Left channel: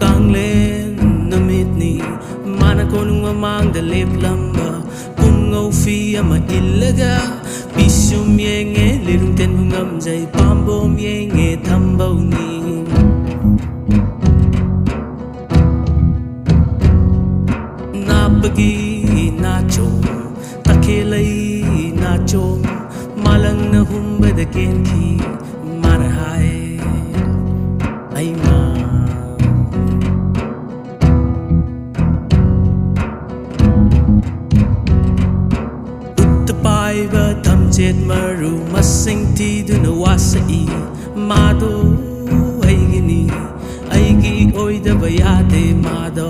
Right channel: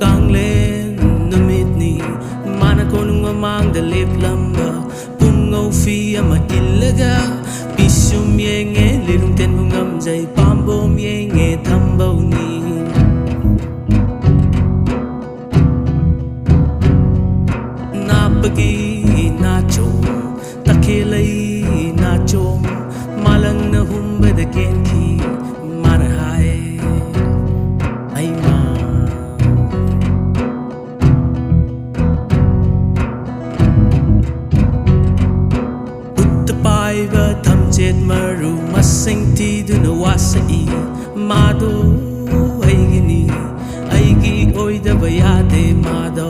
Kanglen namitni mana konung mamang da lep lamba Pungau fi ama ilaga Pisum yenge lirung ten hungam jay Pambom yenge tambau ni Napagi na chom Takelay na chom Malang na humba da kenki Mana hai Ay ma Paiba tamchet maru masing ti du na wasai Mado ay gini ay gi oy da bayade mado